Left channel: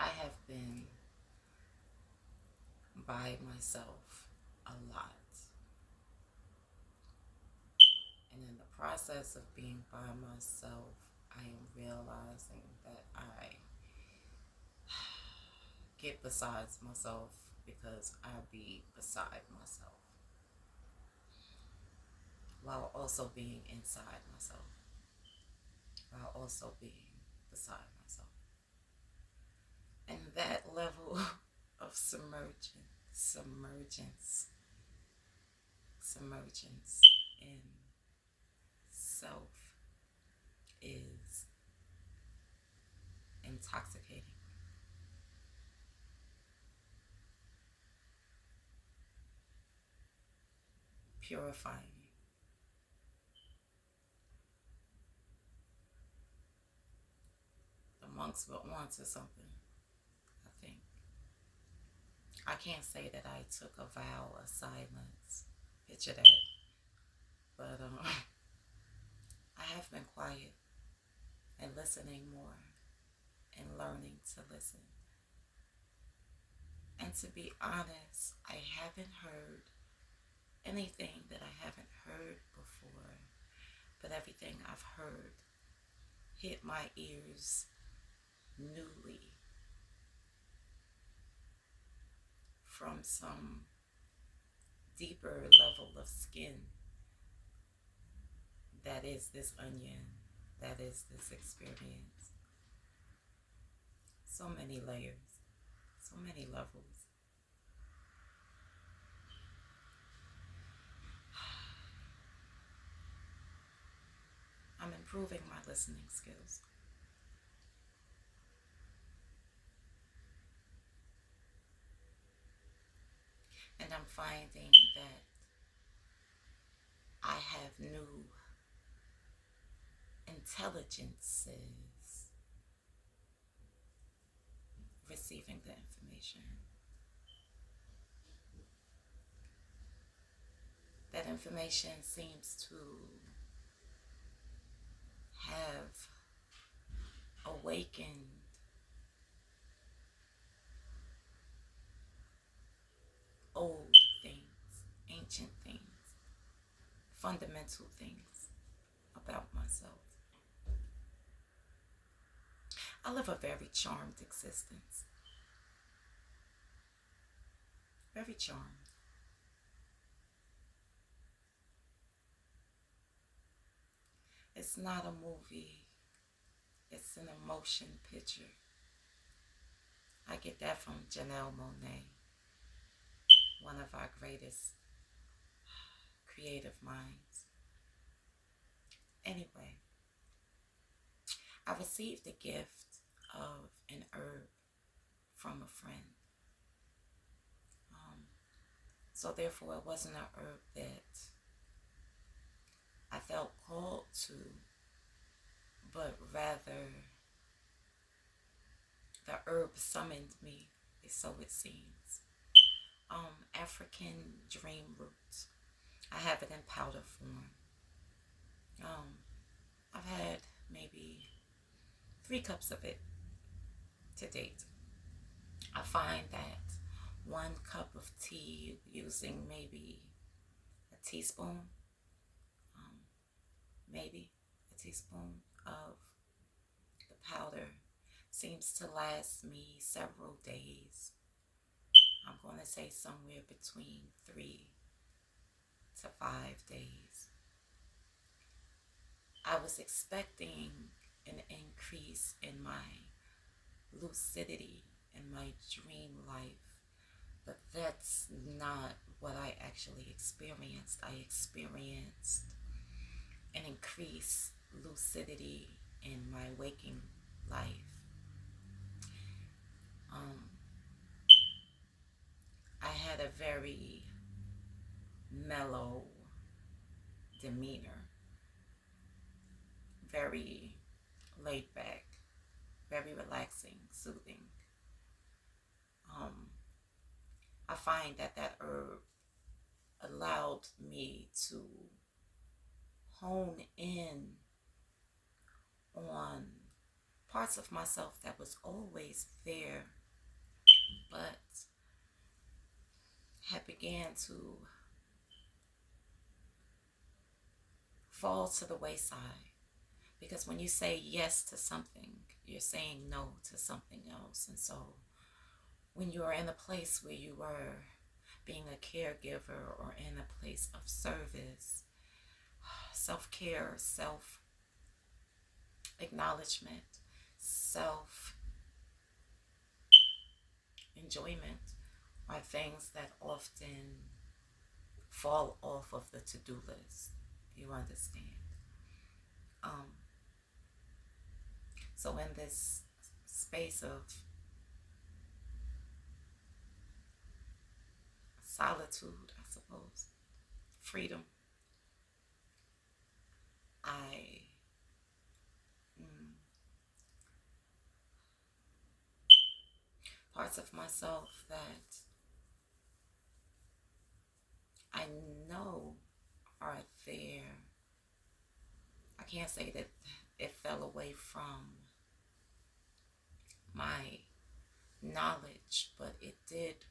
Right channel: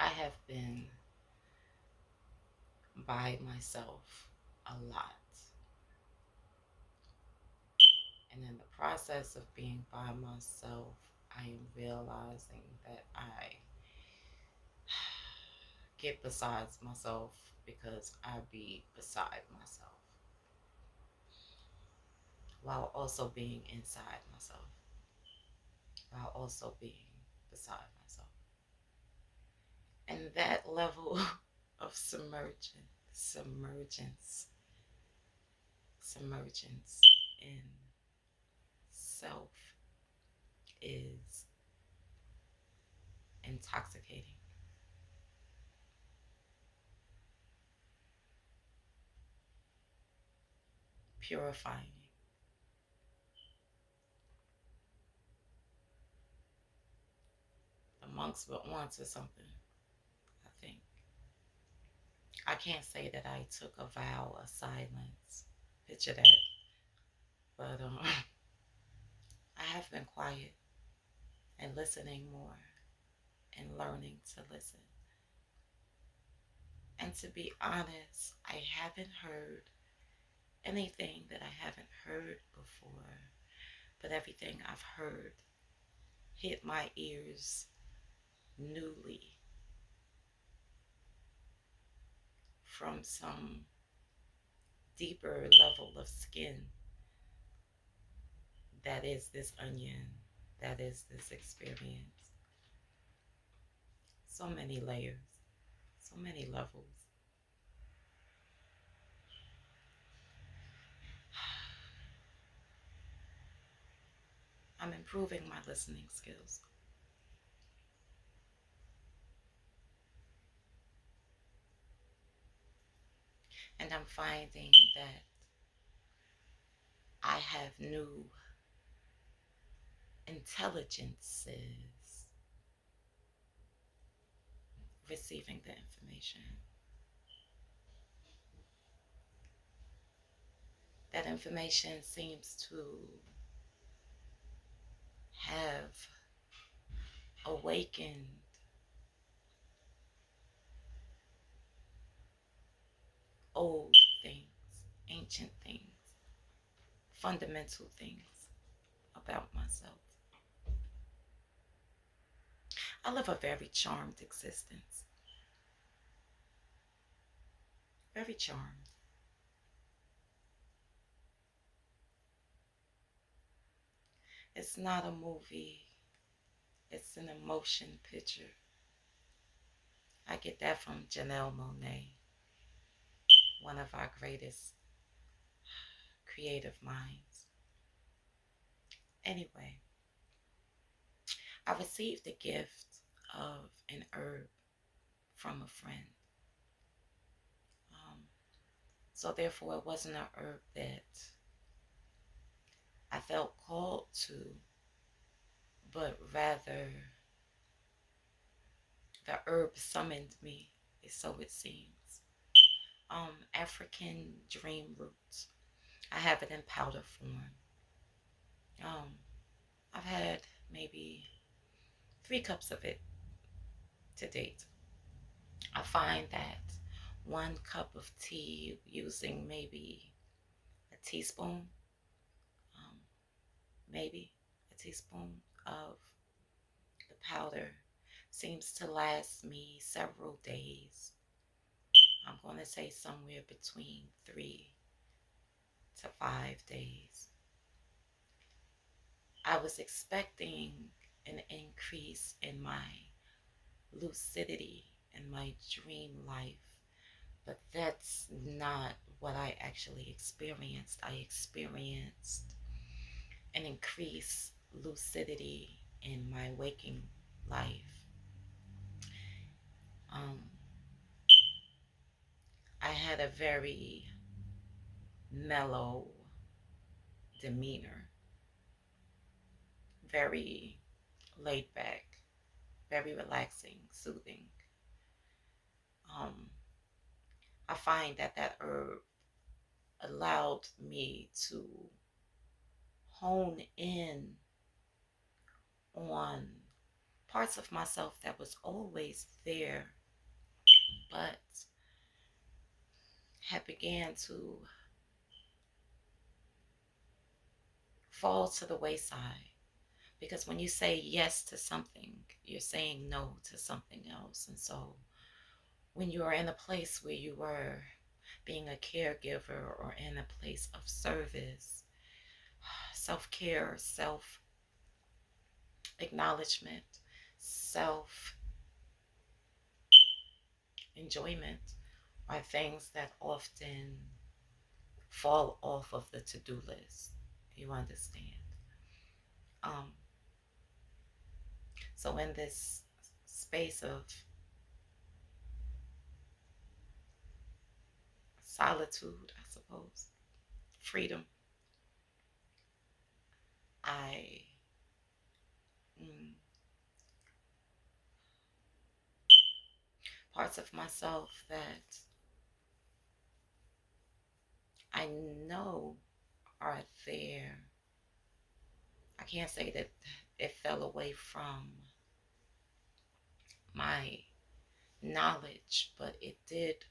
I have been by myself a lot. And in the process of being by myself, I am realizing that I get besides myself because I be beside myself while also being inside myself, while also being beside myself. And that level of submergence in self is intoxicating, purifying. The monks were onto something, I think. I can't say that I took a vow of silence. Picture that. But I have been quiet and listening more and learning to listen. And to be honest, I haven't heard anything that I haven't heard before, but everything I've heard hit my ears newly from some deeper level of skin that is this onion, that is this experience. So many layers, so many levels. I'm improving my listening skills. And I'm finding that I have new intelligences receiving the information. That information seems to have awakened old things, ancient things, fundamental things about myself. I live a very charmed existence. Very charmed. It's not a movie, it's an emotion picture. I get that from Janelle Monáe, one of our greatest creative minds. Anyway, I received a gift of an herb from a friend. Um, so therefore, it wasn't an herb that I felt called to, but rather the herb summoned me, so it seems. African dream roots. I have it in powder form. Um, I've had maybe 3 cups of it to date. I find that 1 cup of tea using maybe a teaspoon, um, maybe a teaspoon of the powder seems to last me several days. I'm going to say somewhere between 3 to 5 days. I was expecting an increase in my lucidity and my dream life, but that's not what I actually experienced. I experienced an increased lucidity in my waking life. Um, I had a very mellow demeanor, very laid back, very relaxing, soothing. Um, I find that that herb allowed me to hone in on parts of myself that was always there, but had began to fall to the wayside. Because when you say yes to something, you're saying no to something else. And so when you are in a place where you were being a caregiver or in a place of service, self-care, self-acknowledgement, self-enjoyment are things that often fall off of the to-do list. You understand? Um, so in this space of solitude, I suppose, freedom, I mm, parts of myself that I know are there. I can't say that it fell away from my knowledge, but it did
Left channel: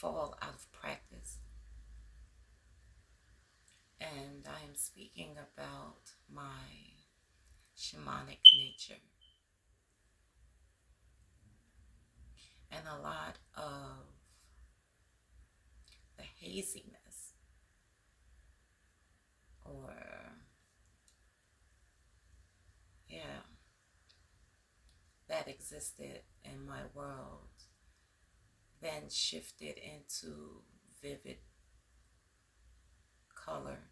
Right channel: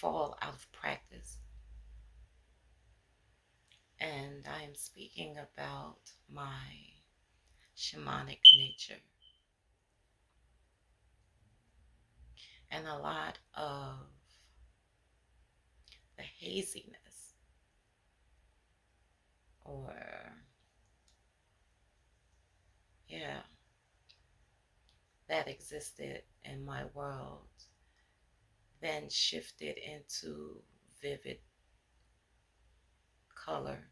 fall out of practice. And I am speaking about my shamanic nature and a lot of the haziness or, yeah, that existed in my world then shifted into vivid color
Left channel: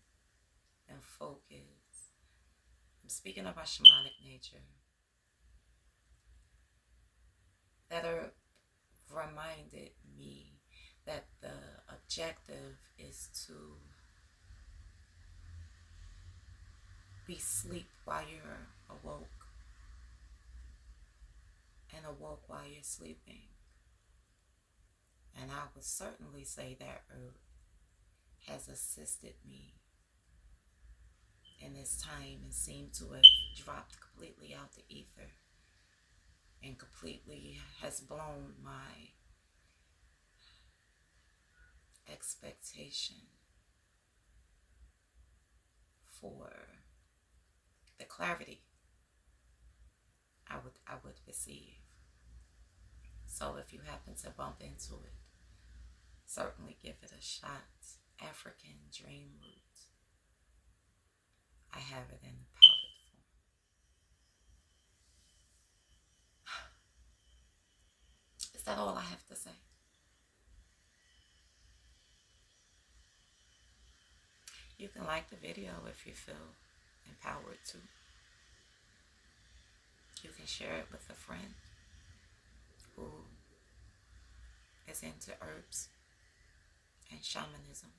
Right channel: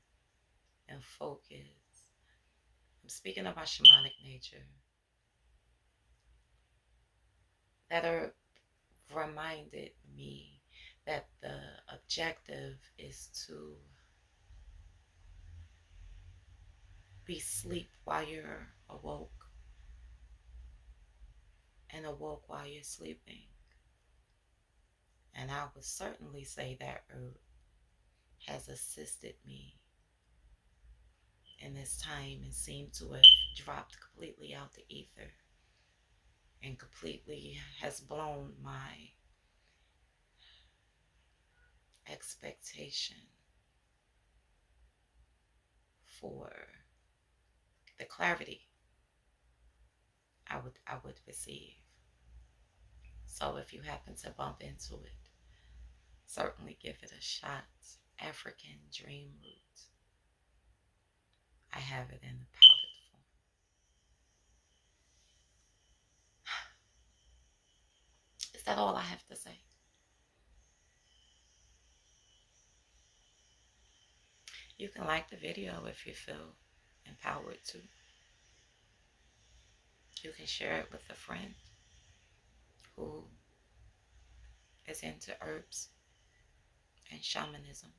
and focus. I'm speaking of my shamanic nature that are reminded me that the objective is to be asleep while you're awoke and awoke while you're sleeping. And I would certainly say that herb has assisted me in this time and seemed to have dropped completely out the ether and completely has blown my expectation for the clarity I would receive. So if you happen to bump into it, certainly give it a shot. African Dream Root. I have it in the powdered form. Is that all I have to say? You can like the video if you feel empowered to. You can share it with a friend who is into herbs and shamanism.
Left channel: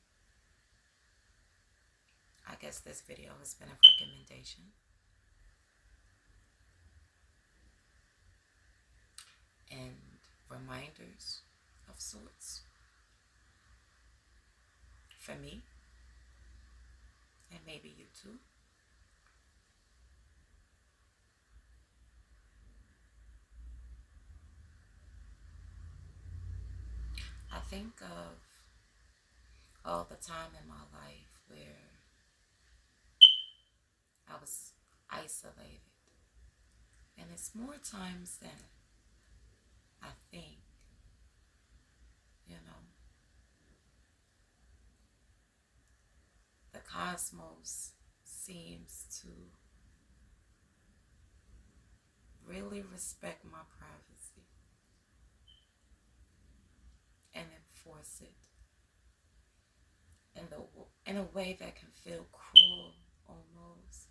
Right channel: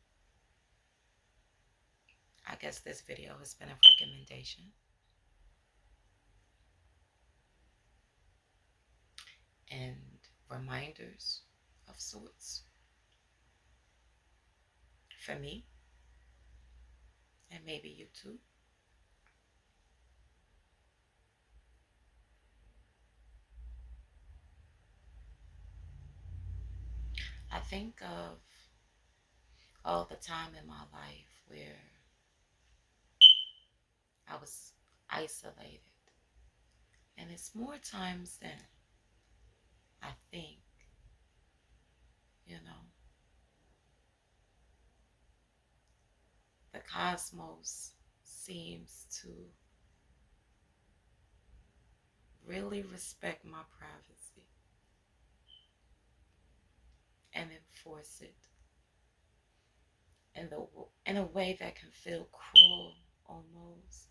I guess this video has been a recommendation and reminders of sorts for me and maybe you too. I think of all the time in my life where I was isolated. And it's more times than I think, you know. The cosmos seems to really respect my privacy and enforce it in a way that can feel cruel almost.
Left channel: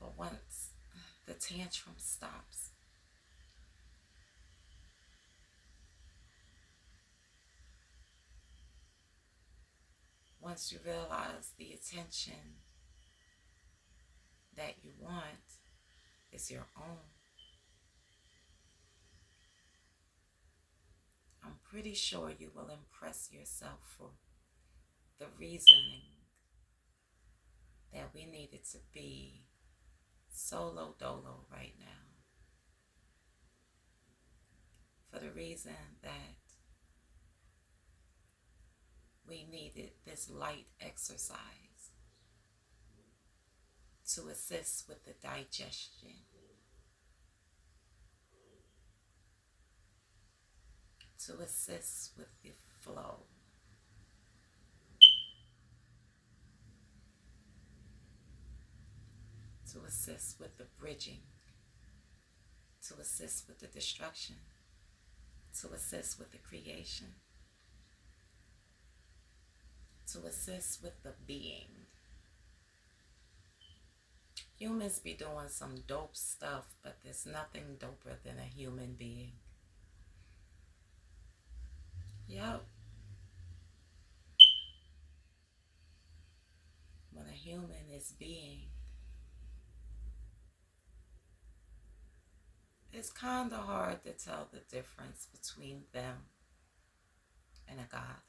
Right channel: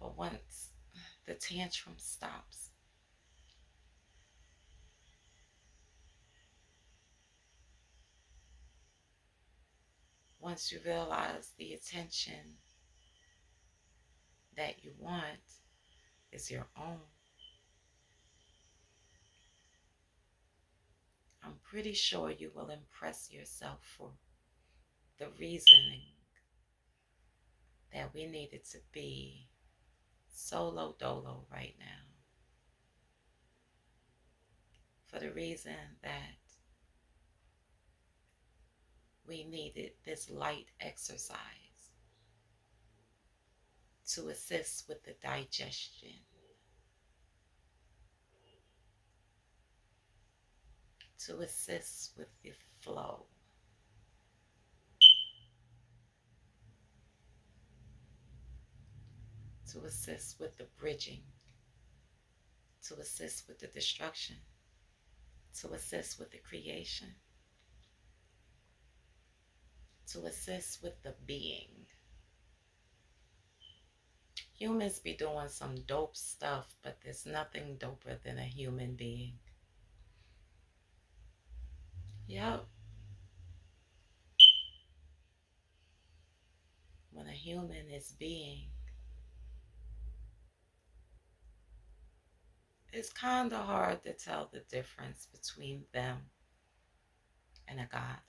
But once the tantrum stops, once you realize the attention that you want is your own, I'm pretty sure you will impress yourself for the reasoning that we needed to be solo dolo right now, for the reason that we needed this light exercise to assist with the digestion, to assist with the flow, to assist with the bridging, to assist with the destruction, to assist with the creation, to assist with the being. Humans be doing some dope stuff, but there's nothing doper than a human being. Yep. When a human is being, it's kind of hard to tell the difference between them and a god.